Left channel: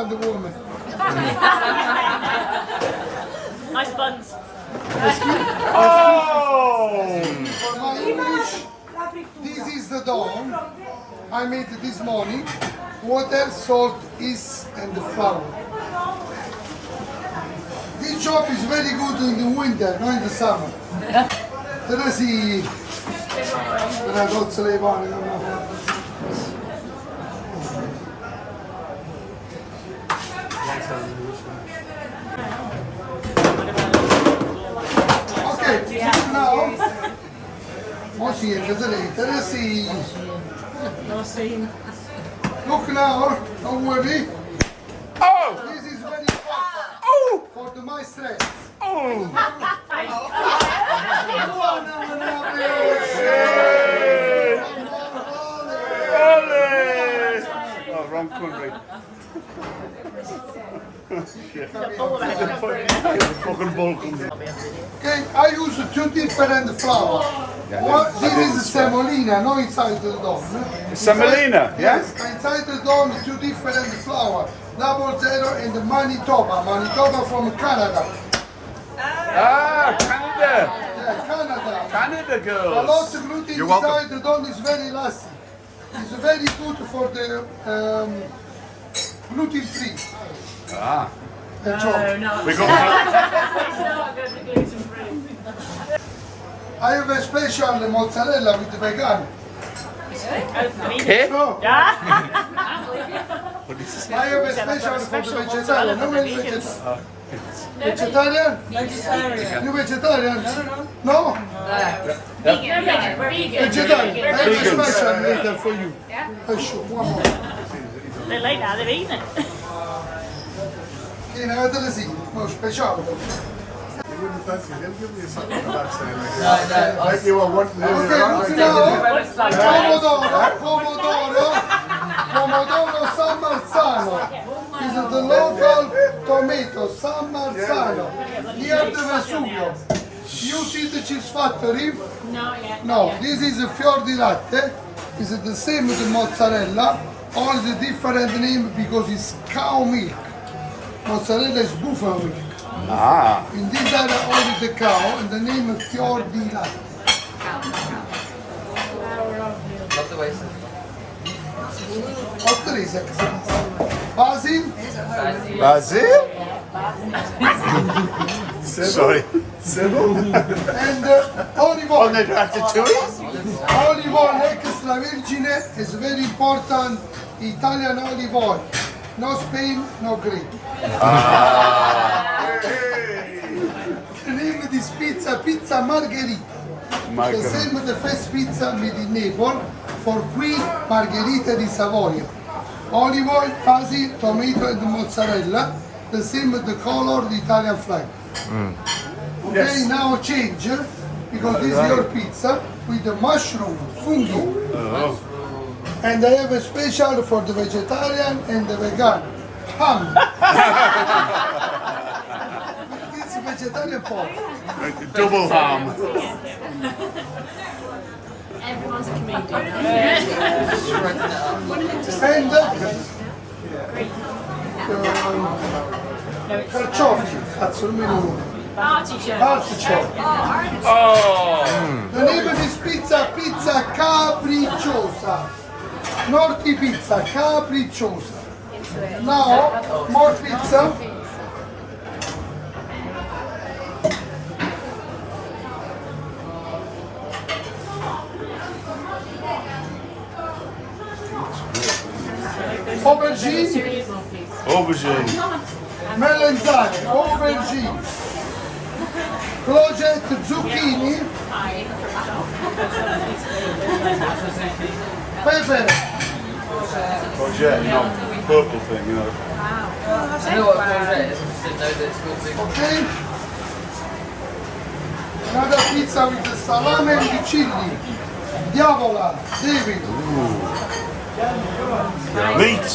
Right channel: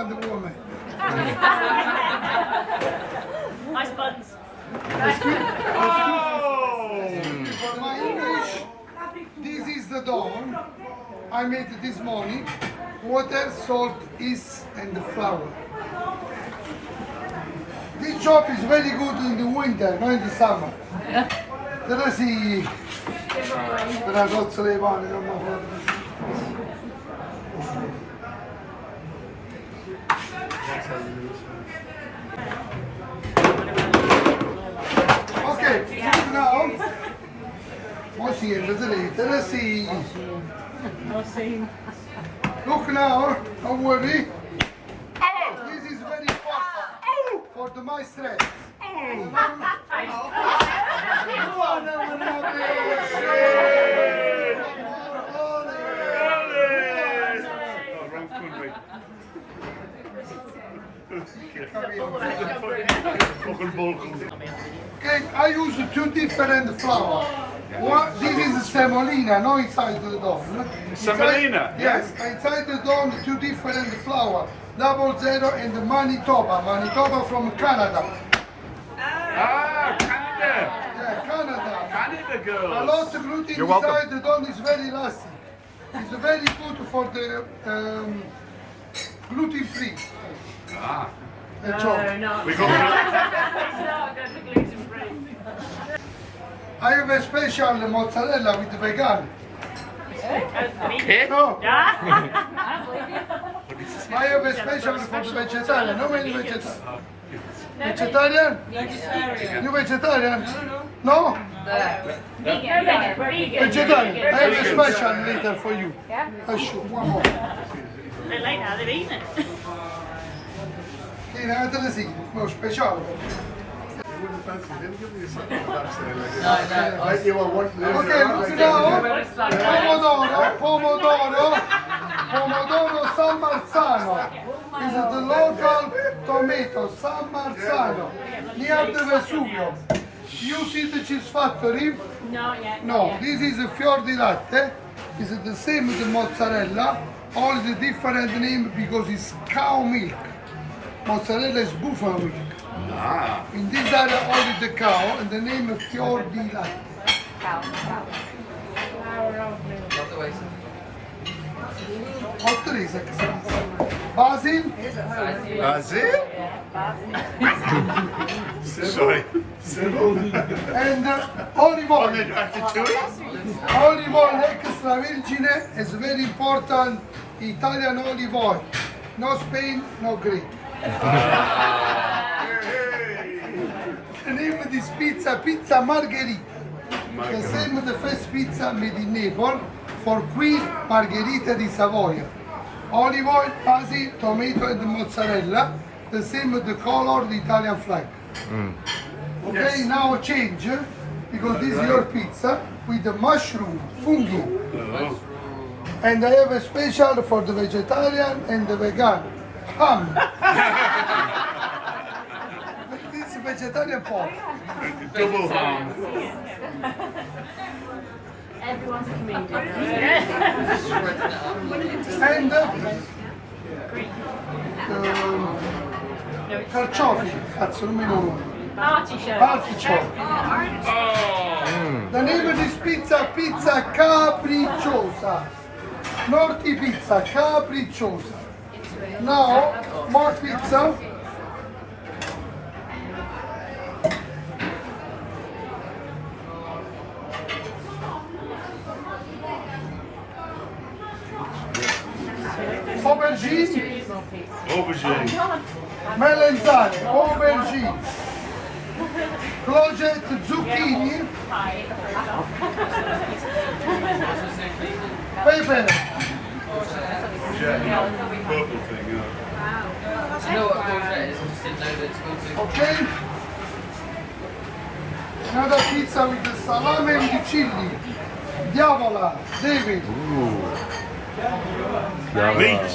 England woman. Nice buns. For my English, this is the dawn. I made it this morning. Water, salt, yeast, and the flour. This job is very good in the winter, not in the summer. There si la cozza dei pani, non mi fa. Okay, now. Oh, sì, vedete, sì. Look now, don't worry. Oh! This is very important for the my stress. Oh! Oh, wrong country. Fucking Balkans. Okay, I use two different flour. One, this is semolina, no inside the dough. No? Semolina? Yes, inside the dough, two different flour. 00 and Manitoba. Manitoba from Canada. Ah, Canada. Yeah, Canada. Canada A girls. lot of gluten You're inside welcome. the dough is very lasting. It's very good for the gluten free. Ah. The job. We got Not good for gluten free. I have a special mozzarella with vegan. Pig? No, Yeah. I have a special for the vegetarian. No many vegetarian. Vegetarian? You vegetarian? No? Vegan. Vegetarian. I have a special later for you. I show one more. They're late now, they're eating it. Sì, ne avete sì, no, speciale. Okay, look now. Pomodoro San Marzano. This is the local tomato, San Marzano, near the Vesuvio. You see the cheese factory? Not yet. No, this is a fior di latte. It's the same with the mozzarella, only the different name because it's cow milk. Mozzarella is buffalo milk. Ah. In this area only the cow and the name is fior di latte. Otterese. Basil Basil? Sorry. and olive oil. On the ratatouille? Olive oil extra virgin is very important. Italian olive oil. No Spain, no Greek. The name of this pizza, Pizza Margherita. The same with the first pizza made in Naples for Queen Margherita di Savoia. Olive oil, basil, tomato and mozzarella. The same with the color, the Italian flag. Okay, Yes. now change because this is your pizza with the mushroom, fungi. And I have a special for the vegetarian and the vegan. Ham. This is vegetarian pork. Double ham. Everyone's a comedian. And carciofi, cazzo non mi ricordo. Artichoke. Artichoke. Oh. The name of this pizza, pizza capricciosa. Norti pizza, capricciosa. Now, more pizza. Aubergine, Aubergine. melanzane, aubergine, cloget, zucchini, pepper, Courgette, you know, purple thing, you know. I know what courgette is, I just didn't know that it's called too. okay? Another pizza with the salami and the chili. Diavola, David. Meat.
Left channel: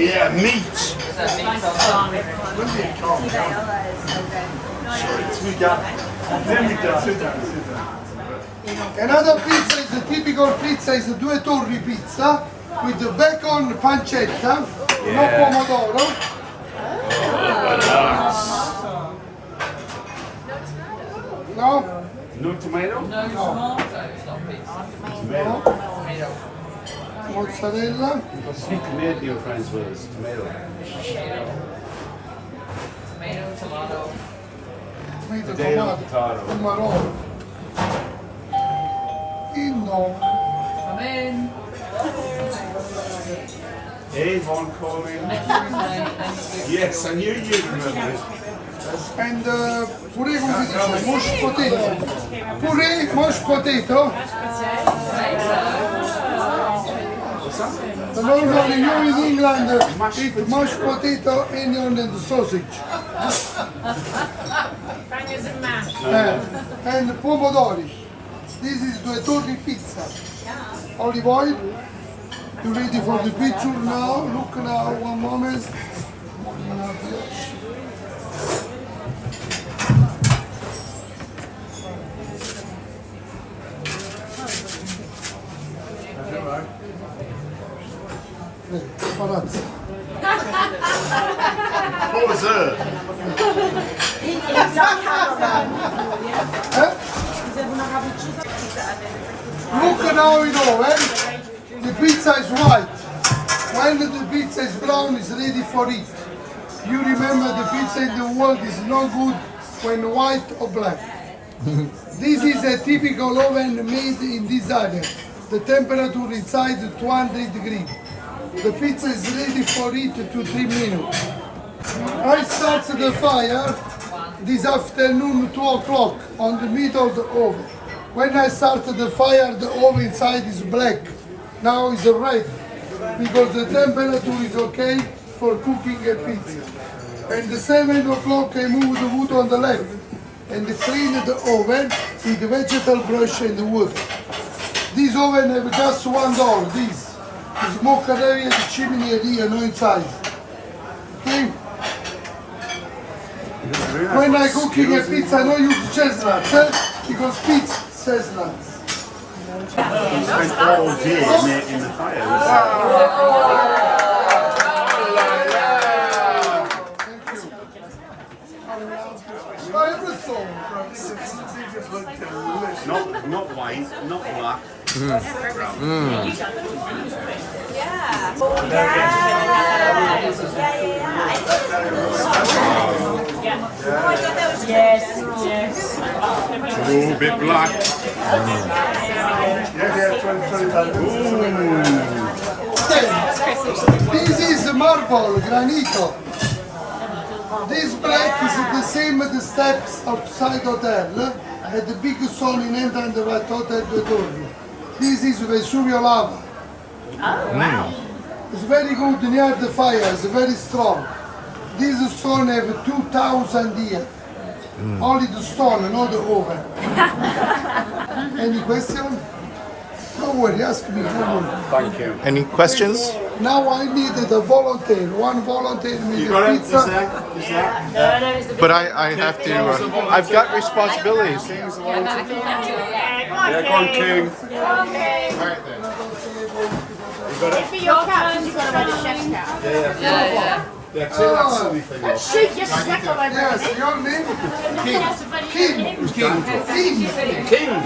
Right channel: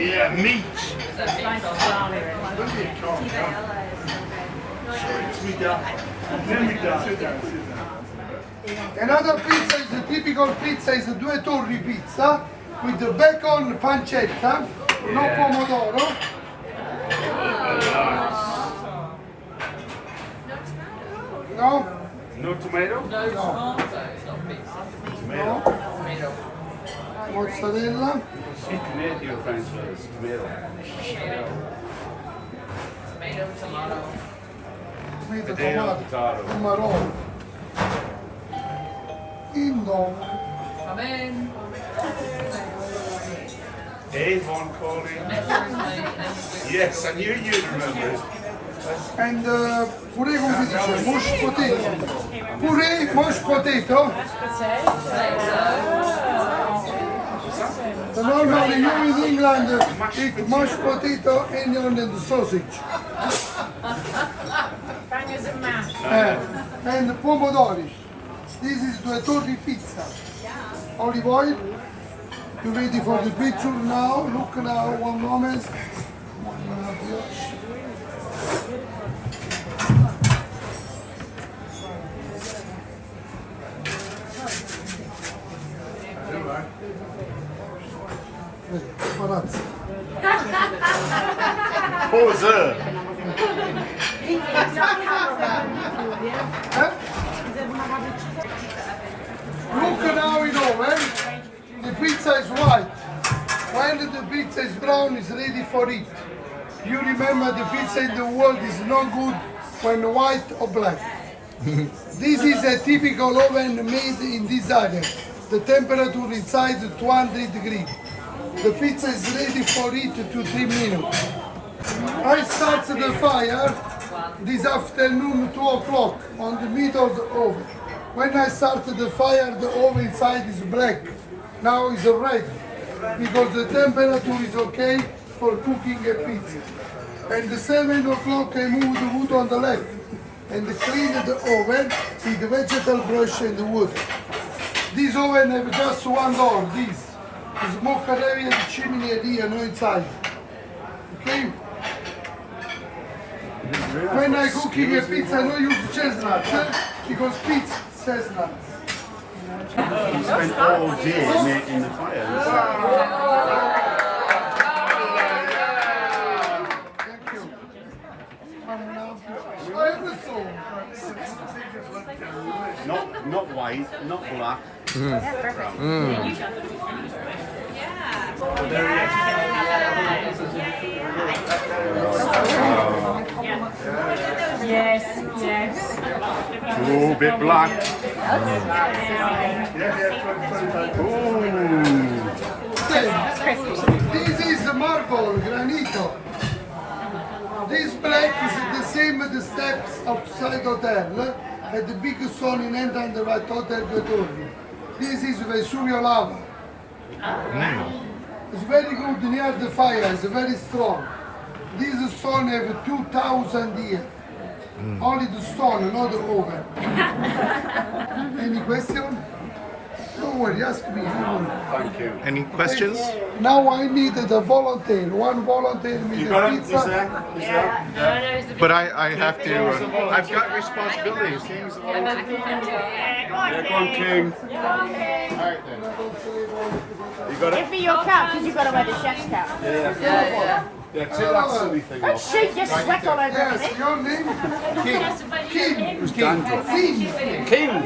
Yeah, meat. Sorry, it's me, Dad. Then we done. Sit down, sit down. Another pizza is a typical pizza, is a Due Torri pizza with the bacon pancetta No pomodoro. No? No tomato? No, it's tomato, it's not pizza. No. Tomato. Mozzarella. Speak Canadian French with us. Tomato. Tomato, tomato. Tomato, Potato, tomato. potato. Pomarolo. Indom. Come in. Hey, horn calling. Thursday, Yes, I knew you'd remember. And puree, come si dice? Mashed potato. Puree, mashed potato. The normally you in England eat mashed potato, onion and sausage. Bangers and mash. And pomodori. This is Due Torri pizza. Olive oil. You ready for the picture now? Look now, one moment. Palazzo. Pause. Look now in oven. The pizza is white. When the pizza is brown, it's ready for it. You remember the pizza in the world is no good when white or black. This is a typical oven made in this area. The temperature inside 200 degrees. The pizza is ready for it to 3 minutes. I start the fire this afternoon 2 o'clock on the middle of the oven. When I start the fire, the oven inside is black. Now it's red because the temperature is okay for cooking a pizza. And the 7 o'clock I move the wood on the left and clean the oven with the vegetable brush and the wood. This oven have just one door, this. The smoke area, the chimney area, no inside. Okay? When I cooking a pizza, I don't use chestnuts, because pizza chestnuts. You spent all day making the fire. Thank you. Not white, not black. Yes, yes. Oh, a bit black. This is marble, granito. This black is the same as the steps outside hotel at the big stone in entrance the right Hotel Due Torri. This is Vesuvio lava. It's very good near the fire, it's very strong. This stone have 2,000 years. Only the stone, not the oven. Any question? Don't worry, ask me, don't worry. Thank you. Any questions? Now I need the volunteer. One volunteer with You the got it? pizza. But I have to, I've got responsibilities. Yeah, go on, King. Alright then. You got it? Be your cat, because you've got to wear the chef's cap. Yeah. Yeah, take that silly thing off. Shake your sweat all over Yes, it. your name? Yes, but King. King. King.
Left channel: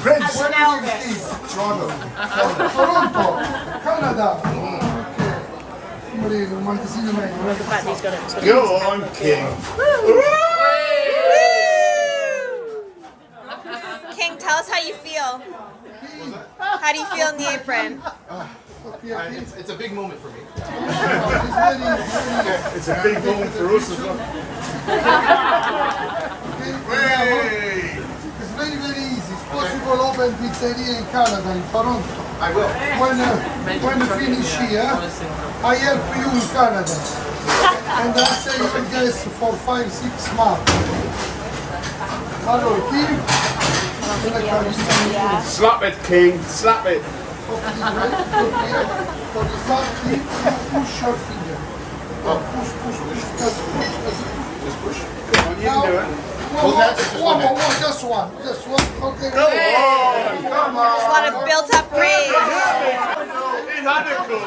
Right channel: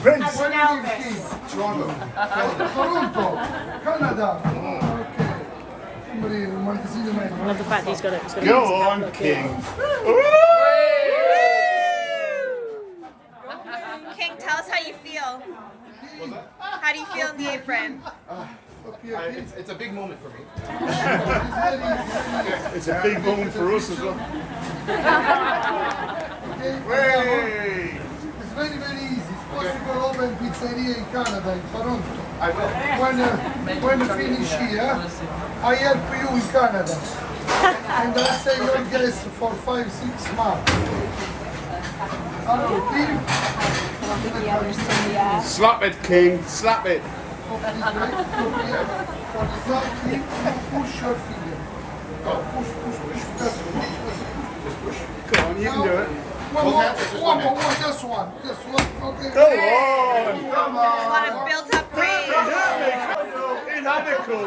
French. That's an Elvis. King. Toronto. Canada. Okay. Go on, King. King, tell us how you feel. How do you feel in the apron? It's a big moment for me. It's a big moment for us as well. Hey! It's very, very easy. It's possible open pizzeria in Canada, in Toronto. I will. When you finish here, I help you in Canada. And I say your guest for 5-6 months. Allora, King. Slap it, King. Slap it. For the start, King, you push your finger. Push. Just push. Come on, you can do it. Just one. Okay. Go on. Come A lot of built up rage. In Anakum.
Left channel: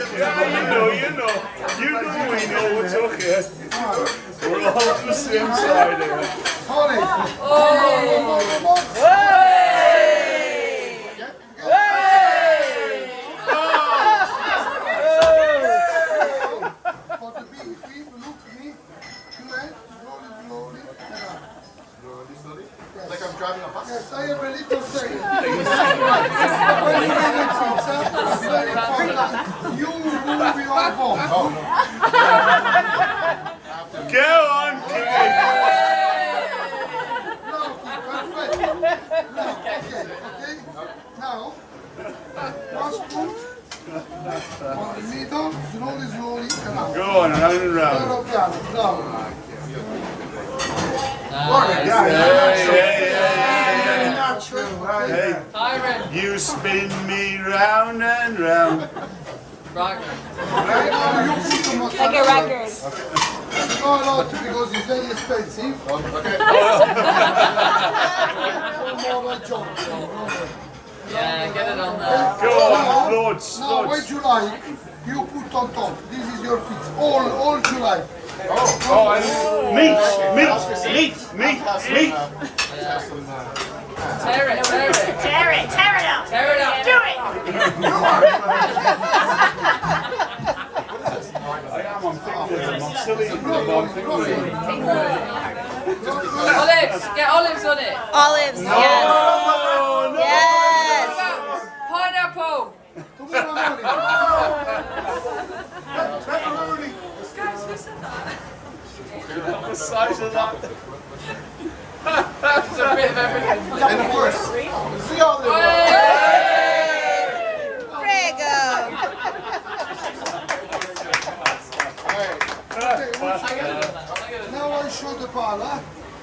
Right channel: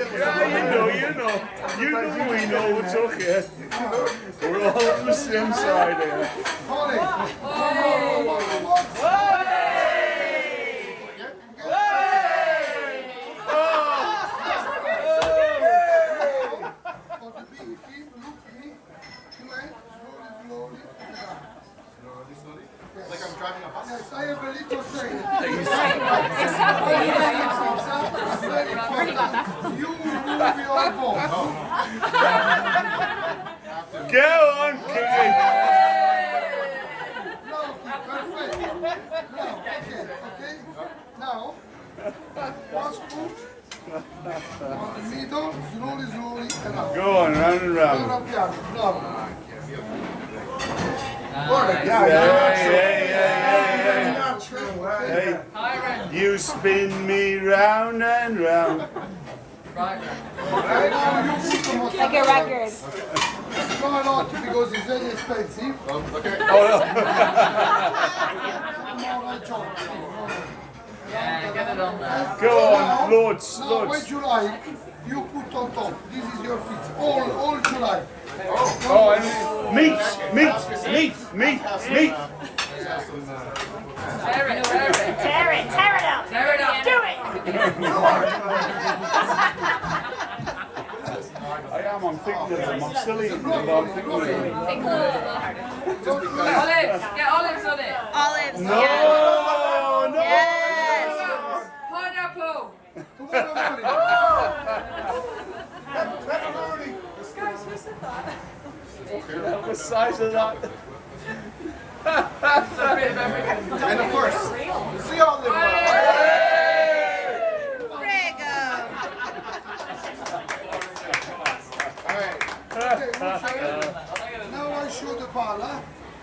You know we know what's okay. We're all on the same side of it. Sorry. For the big feet, look me. Slowly, slowly, and up. Like I'm driving a bus. Yes, I have a little second. When you make a pizza, it's very important. You remove your bone. Go on, King. Now, perfect. Now, okay. Now, one spoon on the middle, slowly, slowly, and up. Go on, round and round. Piano, piano, bravo. Hey, you spin me round and round. Right. Now you put the mozzarella. Like a record. Not a lot because it's very expensive. Okay. No more job. Yeah, get it on there. Go on, loads, Now, loads. what you like, you put on top. This is your pizza. All you like. Oh, and meat. Tear it, tear it. Tear it out. Tear it up. Do it. I'm thinking I'm silly. Olives, get olives on it. Olives, yes. Yes. Pineapple. Tomorrow morning. Pepperoni. The size of that. It's a bit of everything. And of course, see all the Prego. Now I show the pala,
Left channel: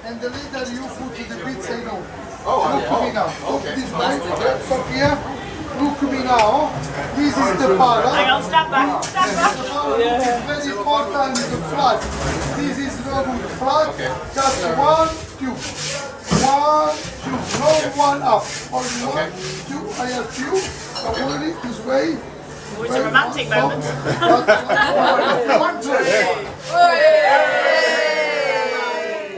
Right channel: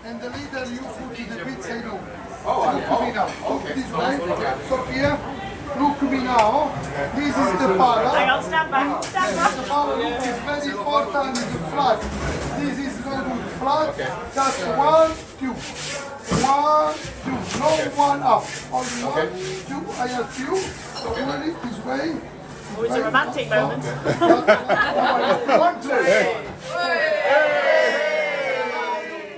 and the later you put the pizza in oven. Oh, Look me now. Stop okay. this way. Stop here. Look me now. This is the pala. Stand back. Stand back. The pala is very important. The flat. This is no good flat. Just 1, 2. 1, 2. No one up. Only 1, 2. I have few. Don't worry. This way. It's a romantic moment. One, two.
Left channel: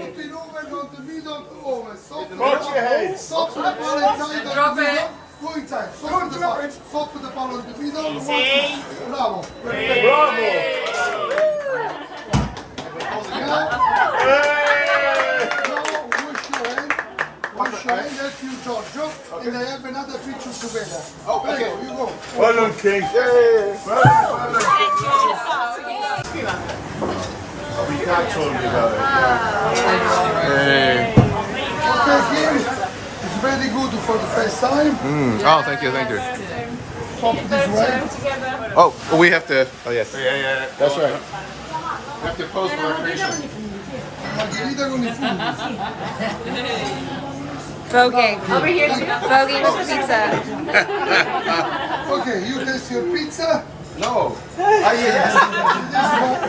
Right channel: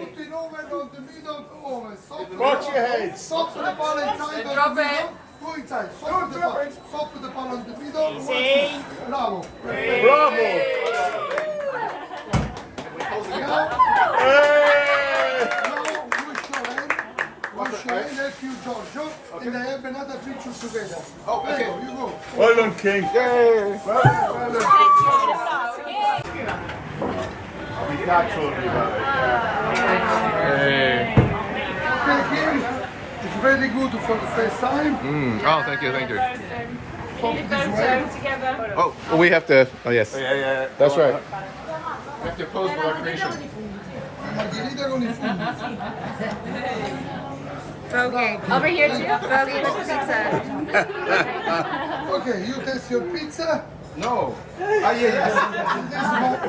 Put it over on the middle of the oven. Stop the Watch your head. Stop the ball inside of Drop the middle. it. Go inside. Stop the ball. Stop the ball on the middle. One, two. Bravo. Perfect. Bravo. Now wash your hand. Wash your hand. Help you, Giorgio. And I have another picture together. Oh, okay. Prego, you go. Well done, King. We got told me about it. Hey. Okay, here. It's very good for the first time. Oh, thank you, thank you. Pop this way. Oh, we have to. Oh, yes. Yeah. That's right. You have to pose for recreation. Margherita con i funghi. Voguing. Over here too. Voguing with pizza. Okay, you taste your pizza. No. Ah, yes.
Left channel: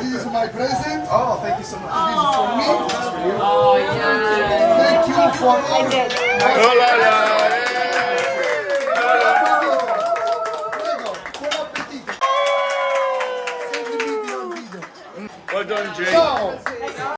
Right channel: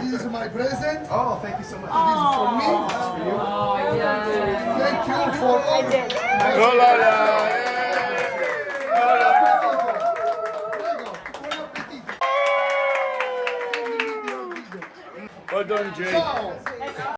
This is my present. Oh, thank you so much. This is for me. Oh, yeah. Thank you for all. I did. Prego, buon appetito. Well done, Jake. Ciao.